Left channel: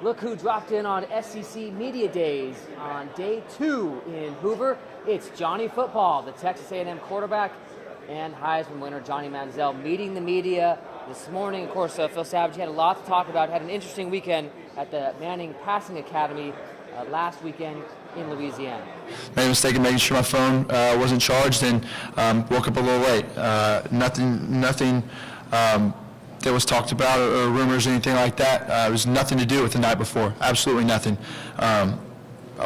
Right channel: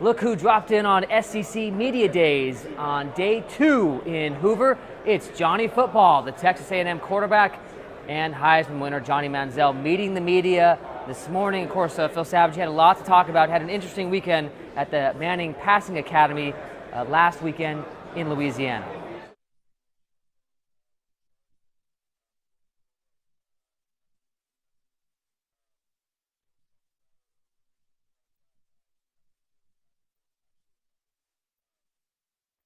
Look who dropped in on SEC Media Days on day 2 in Hoover. It's Johnny Football, the Texas A&M quarterback and Heisman winner Johnny Manziel, meeting the media this morning. Of course, Phil Savage had a lot to talk about. Had an interesting weekend at the Manning Passing Academy last weekend in Louisiana. Made a mistake in making sure my phone wasn't charged and woke up a little late. Nothing that was talked about or rumors or anything like that. It was nothing to do with the night before. Absolutely nothing. I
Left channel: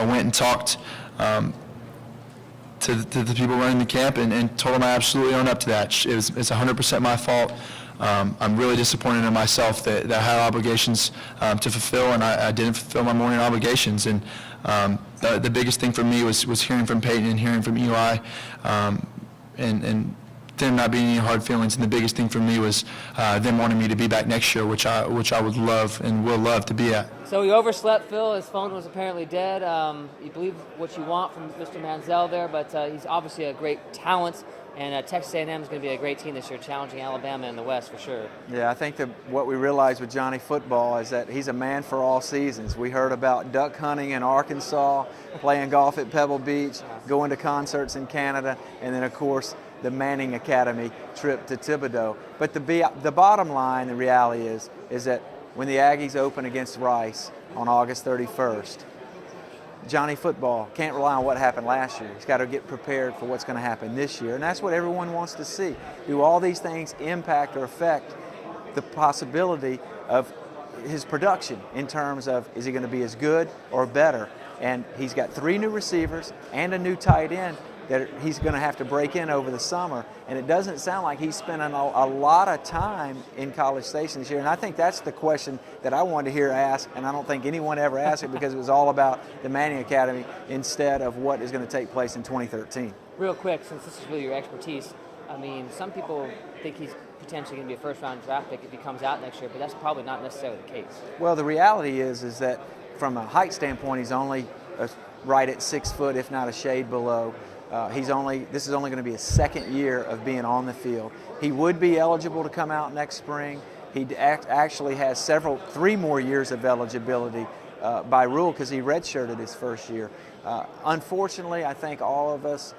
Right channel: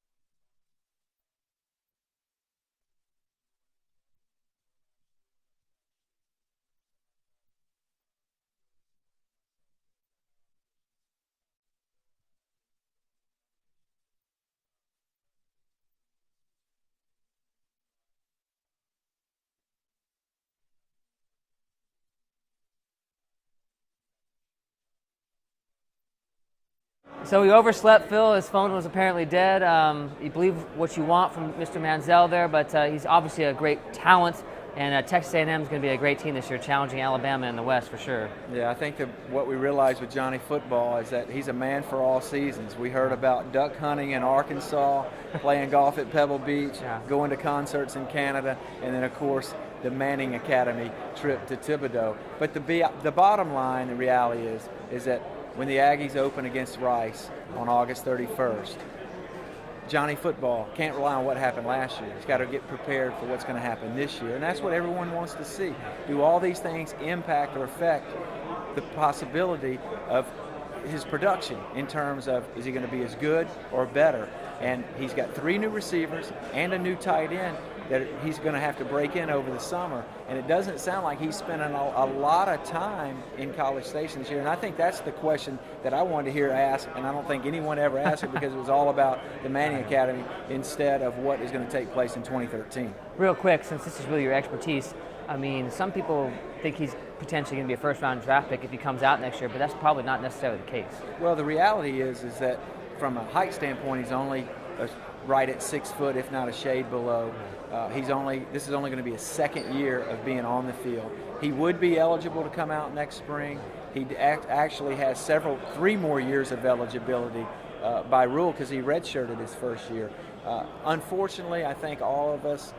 went and talked to the people running the camp and told them I absolutely own up to that. It's 100% my fault. I'm really disappointed in myself that I had obligations to fulfill, and I didn't fulfill my morning obligations. And the biggest thing for me was hearing from Peyton and hearing from Eli, and them not being any hard feelings. And the biggest thing for me was them wanting me to be back next year, which I would love and will love to be at. So he overslept, Phil. His phone was apparently dead. You believe what you want from Mr. Manziel there, but he's obviously a great talent. And Texas A&M is going to be a great team this year, challenging Alabama in the West for sure. Yeah, I think that what we realized with Johnny Football is that he's a man for all seasons. We heard about duck hunting in Arkansas, playing golf at Pebble Beach, going to concerts in Canada, and then, of course, the Manning Academy trip to Thibodaux. But the bottom line, the reality is that when the Aggies open against Rice on August 31st, Johnny Football can't rely on what happened last year. He's got to get prepared for what's going to happen this year, and that's what everyone wants to see. Do all these things impact or affect the possibility of his production in terms of, is he going to be as good or better? And he's got 3 new receivers and a new tight end that he's going to have to break in over the summer. And it doesn't sound like he's spending a lot of time in College Station this year. And I think that's the question that I wanted to hear asked, and I don't think anyone ever asked it because it was all about the Manning Academy instead of what is going to take place in 2013. Real quick, since this is really your expertise, I mean, some people think he's potentially going to be a first-round draft pick if he comes out next year, but that's probably not necessarily the case. Well, the reality is that from a height standpoint, he's only right at 6 foot, if not a shade below. This is only going to be his second year of being on the field. He would be eligible to come out next spring. He actually has 3 more years of eligibility by rule because he redshirted his first year. Unfortunately, I think all of us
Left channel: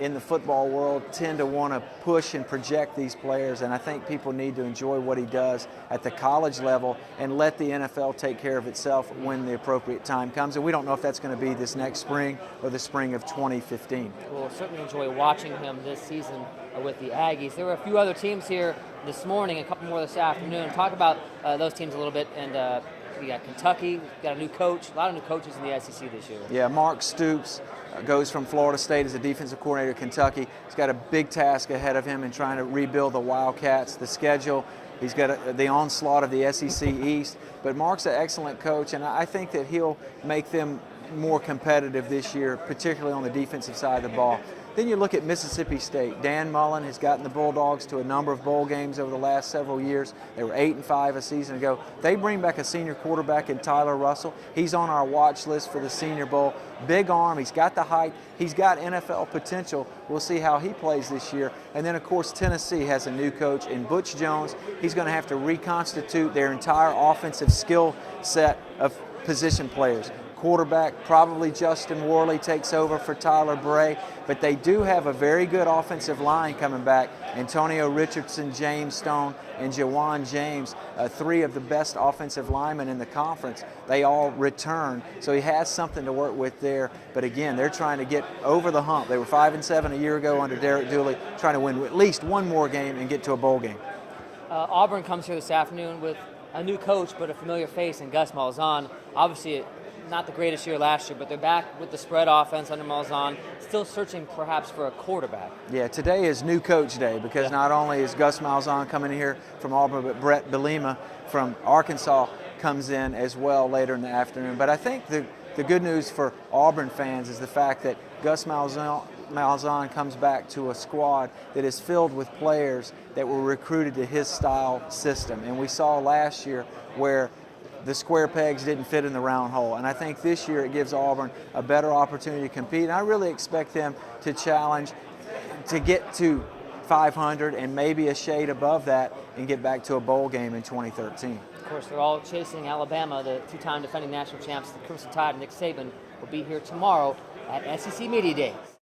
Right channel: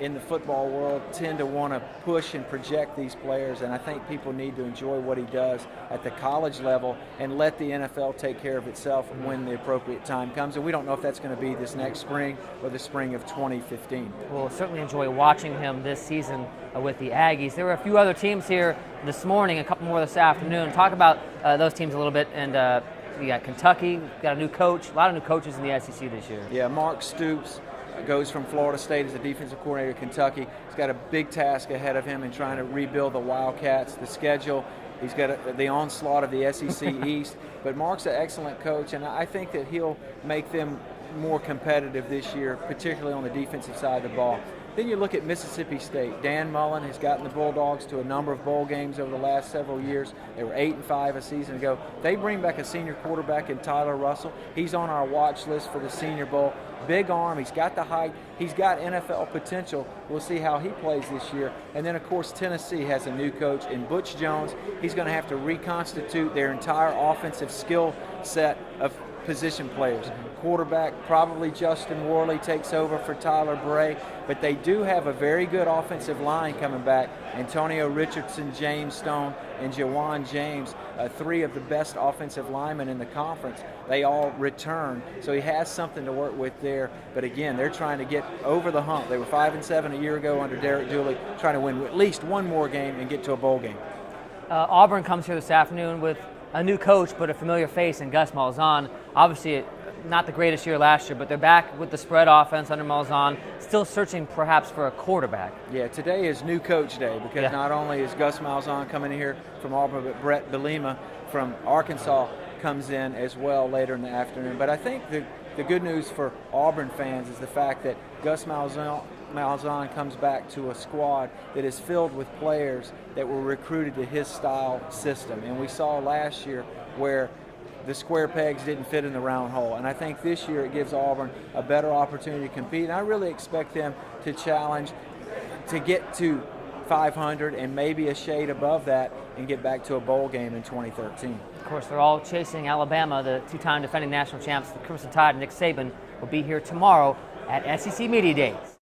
in the football world tend to want to push and project these players, and I think people need to enjoy what he does at the college level and let the NFL take care of itself when the appropriate time comes. And we don't know if that's going to be this next spring or the spring of 2015. We'll certainly enjoy watching him this season with the Aggies. There were a few other teams here this morning, a couple more this afternoon. Talk about those teams a little bit. And we got Kentucky, we've got a new coach, a lot of new coaches in the SEC this year. Yeah, Mark Stoops goes from Florida State as a defensive coordinator at Kentucky. He's got a big task ahead of him in trying to rebuild the Wildcats, the schedule. He's got the onslaught of the SEC East. But Mark's an excellent coach, and I think that he'll make them more competitive this year, particularly on the defensive side of the ball. Then you look at Mississippi State. Dan Mullen has gotten the Bulldogs to a number of bowl games over the last several years. They were 8-5 a season ago. They bring back a senior quarterback in Tyler Russell. He's on our watch list for the Senior Bowl. Big arm. He's got the height. He's got NFL potential. We'll see how he plays this year. And then, of course, Tennessee has a new coach in Butch Jones. He's going to have to reconstitute their entire offensive skill set of position players. Quarterback, probably Justin Worley takes over for Tyler Bray, but they do have a very good offensive line coming back. Antonio Richardson, James Stone, and Jawan James, 3 of the best offensive linemen in the conference. They all return, so he has something to work with there. But again, they're trying to get over the hump. They were 5-7 a year ago under Derek Dooley, trying to win at least one more game and get to a bowl game. Auburn comes here this afternoon with a new coach, but a familiar face in Gus Malzahn. Obviously, not the greatest year last year, but they're back with the spread offense under Malzahn, still searching perhaps for a quarterback. Yeah, today is new coach day because not only is Gus Malzahn coming in here from Auburn, but Brett Bielema from Arkansas comes in as well later in the afternoon. But I think the good news for Auburn fans is the fact that Gus Malzahn comes back to a squad that is filled with players that were recruited to his style system. And we saw last year where the square pegs didn't fit in the round hole. And I think this year it gives Auburn a better opportunity to compete. And I really expect them to challenge to get to 500 and maybe a shade above that and get back to a bowl game in 2013. Of course, they're all chasing Alabama. The two-time defending national champs, the Crimson Tide, and Nick Saban will be here tomorrow at SEC Media Days.